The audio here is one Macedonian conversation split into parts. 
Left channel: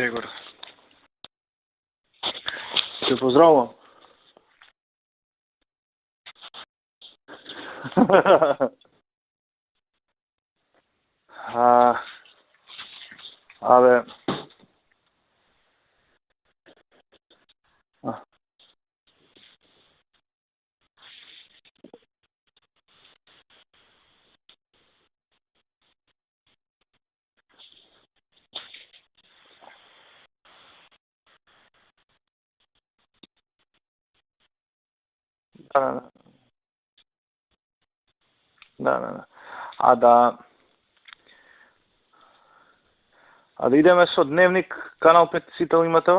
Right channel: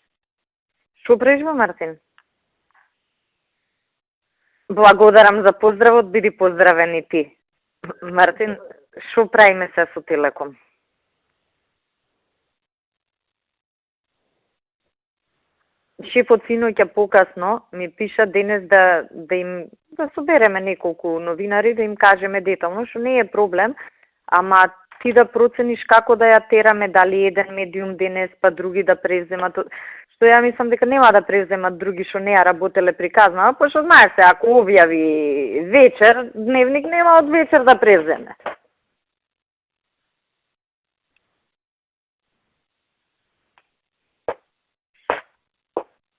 Егор. Што прежва, Мартин? Те поздравувам. Благодарам за поздравот, биди поздравен и ти. Мартин, што правиме се со Телеком? Абе, Шефот синоќа покасно ми пиша денес да собереме неколку новинари, да им кажеме детално, што не е проблем, ама ти да процениш како да ја тераме, дали еден медиум денес, па други да преземат. Со ја мислам дека нема да преземат други што не ја работеле приказна, пошто знаеш се, ако објави вечер, дневник нема од вечер да преземе. да. А да идеме со дневник, канал 5 сител имате?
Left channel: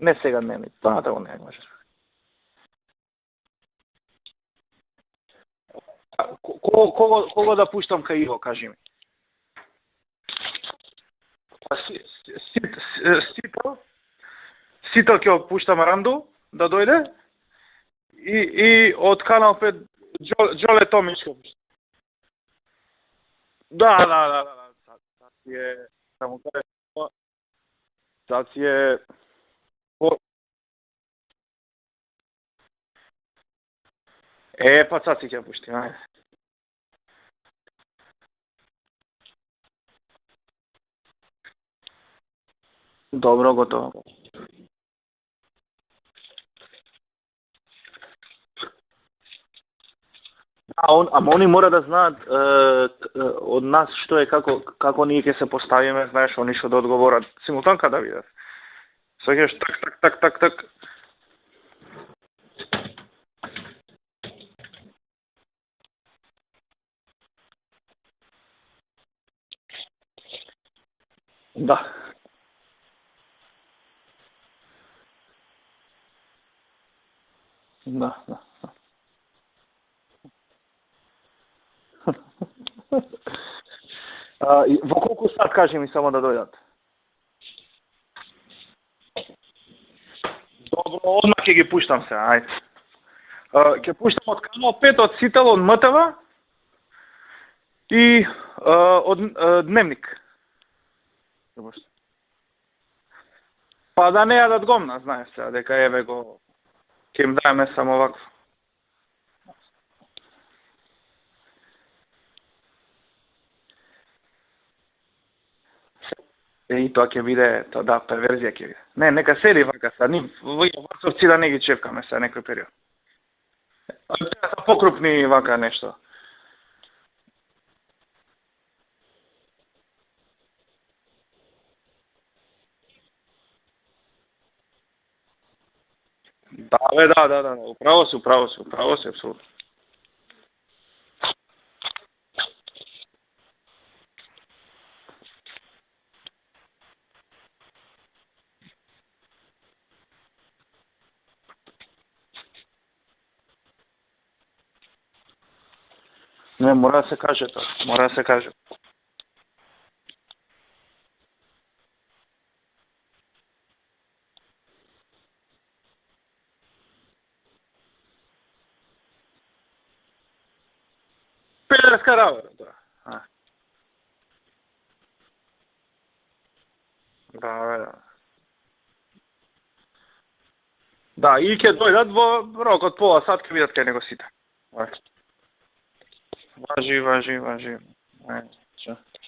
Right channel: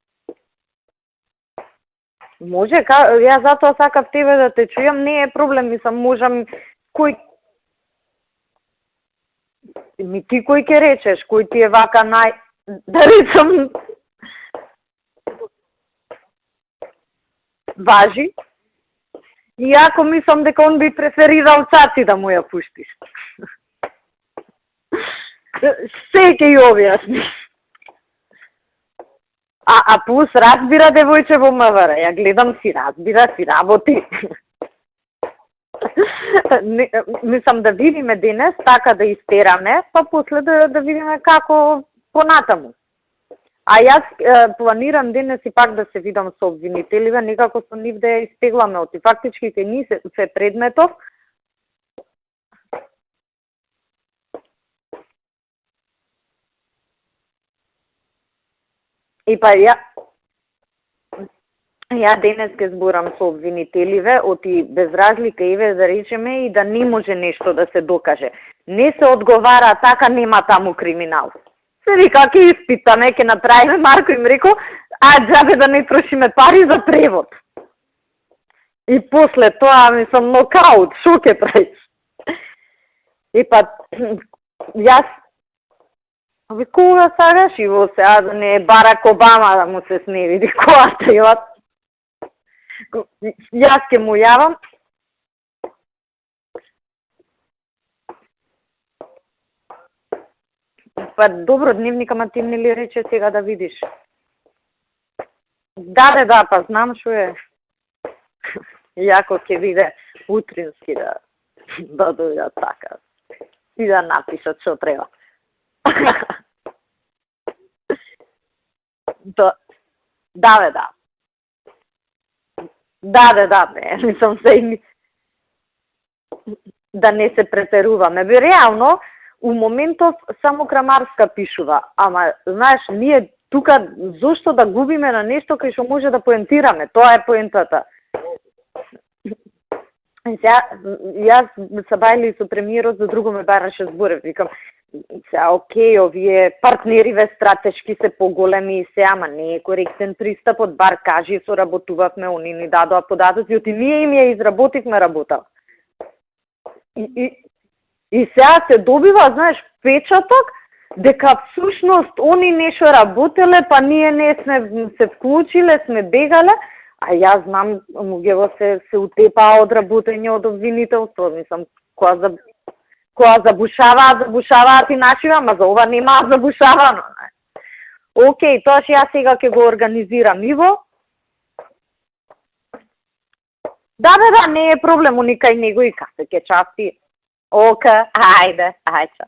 Не сега дневник, понатаму не може. Може, ја затоа сакав тебе да те чујам, не е проблем, мислам, можам... Кого да пуштам кај Иво, кажи ми? Ми ти кој ќе речеш, кој ти е вака нај... Дали сум... Сител ќе пуштам Ранду, да дојде? Важи. И од канал 5... Иако мислам дека он би преферирал Цаци да му ја пуштиш. Да. Се ќе ја објасни. Цаци е... А плюс разбира девојче во МВР, ја гледам си разбира, си работи. Па Цаци ќе пушти, Мислам да видиме денес, така да истераме, па после да видиме како понатаму. Добро, готово. А јас планирам денес и пак да се видам со обвинителиве, некако со нив да ја испегламе, оти фактички ќе ни се предметот. Ама они мора да знаат од нас што е, како ние ќе се поставиме, знаеш, они што да одговорат. Симултанка да видат. Так. Ја денес ќе зборам со обвинителиве, оти без разлика еве да речеме и да не може нешто да се докаже. Не се одговара така, нема таму криминал. Да. Се вика, ќе испитаме, ќе направиме, Марко им реко, џабе да не трошиме пари за превод. Да. И после тоа, мислам, нокаут, шо ќе правиш? И па, јас колку сат кажи ми само да дојдат. Кога сакаш и во се, да не Барак Обама да му се смери, којата ја... Ќе ги пуштам се, ајде. Јас ќе му јавам. Само 5 од сител од МТВ и од дневник. Па добро, дневник, ама ти не ли рече сега да видиш? Па да не јадат гомна, знаеш се, дека е... Да, па знам што е. Ќе им даеме само вако. Јако ќе биде утрински да дојдат така. И да напишат што треба. И тоа ќе биде, перверзија ќе биде. Не, нека седи вака са, Да. Совци да не ги чепкаме се некој период. Да, мислам се и... Покрупни вака нешто. Да не се претеруваме. Бе, реално, у моментов само Крамарска пишува, ама, знаеш, ние тука зошто да губиме на нешто кај што може да поентираме, тоа е поентата. Право се, апсолутно. Јас се бајли со премиерот, за друго ме бараше зборев, викам, окей, овие партнериве стратешки се поголеми и се, ама не е коректен пристапот, бар кажи, соработувавме, они ни дадоа податоци, оти ние им ја изработивме работа. Не, мора да се каже тоа. И сега се добива, знаеш, печаток, дека всушност они нешто работеле, па ние не сме се вклучиле, сме бегале, а јас знам, муѓево се утепаа од работење од обвинителство, мислам, која забушаваат и нашива, ама за ова немаат забушавано. Да. Океј, тоа што јас сега ќе го организирам Иво. Да, и ќе дојдат во рок од пола сат, ќе видат кај него. Да, не е проблем, уникај него и кај ќе части. Важи. Океј, ајде.